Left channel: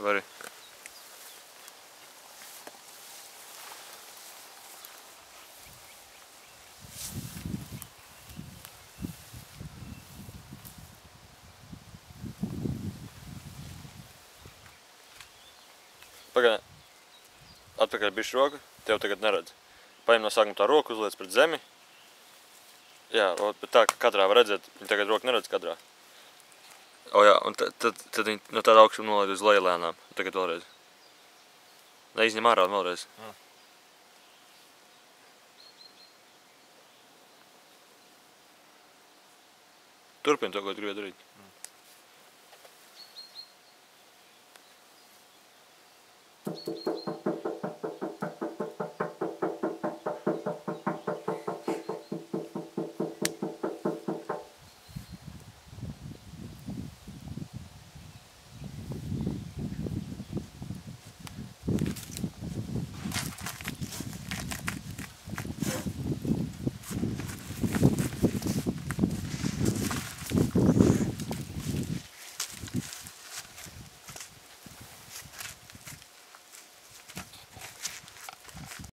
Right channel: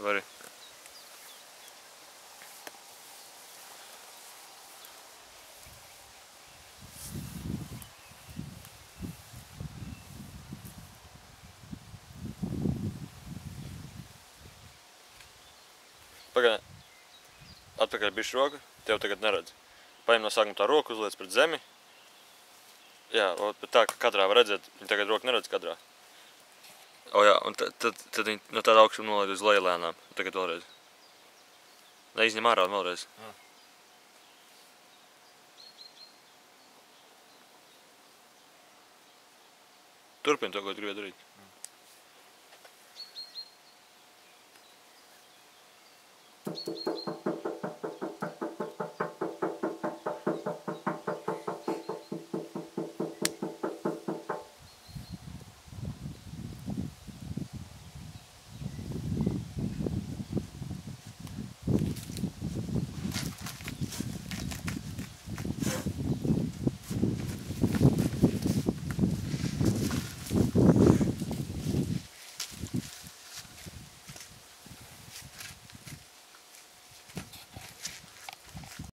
Vari. Pagaid. Atpakaļ bišķi roku. Tev tagad neredz. Paņem no sākuma tā roku, uzliec pret zemi. Jā, bet tā, ka kadrā var redzēt, viņa tagad roku neredz kadrā. O jā, un tad viņa no tāda augšuma nolaid uz leju lēnām. Tagad vēlreiz. Neizņem ārā un vēlreiz. Turpini to, ko tu gribēji darīt.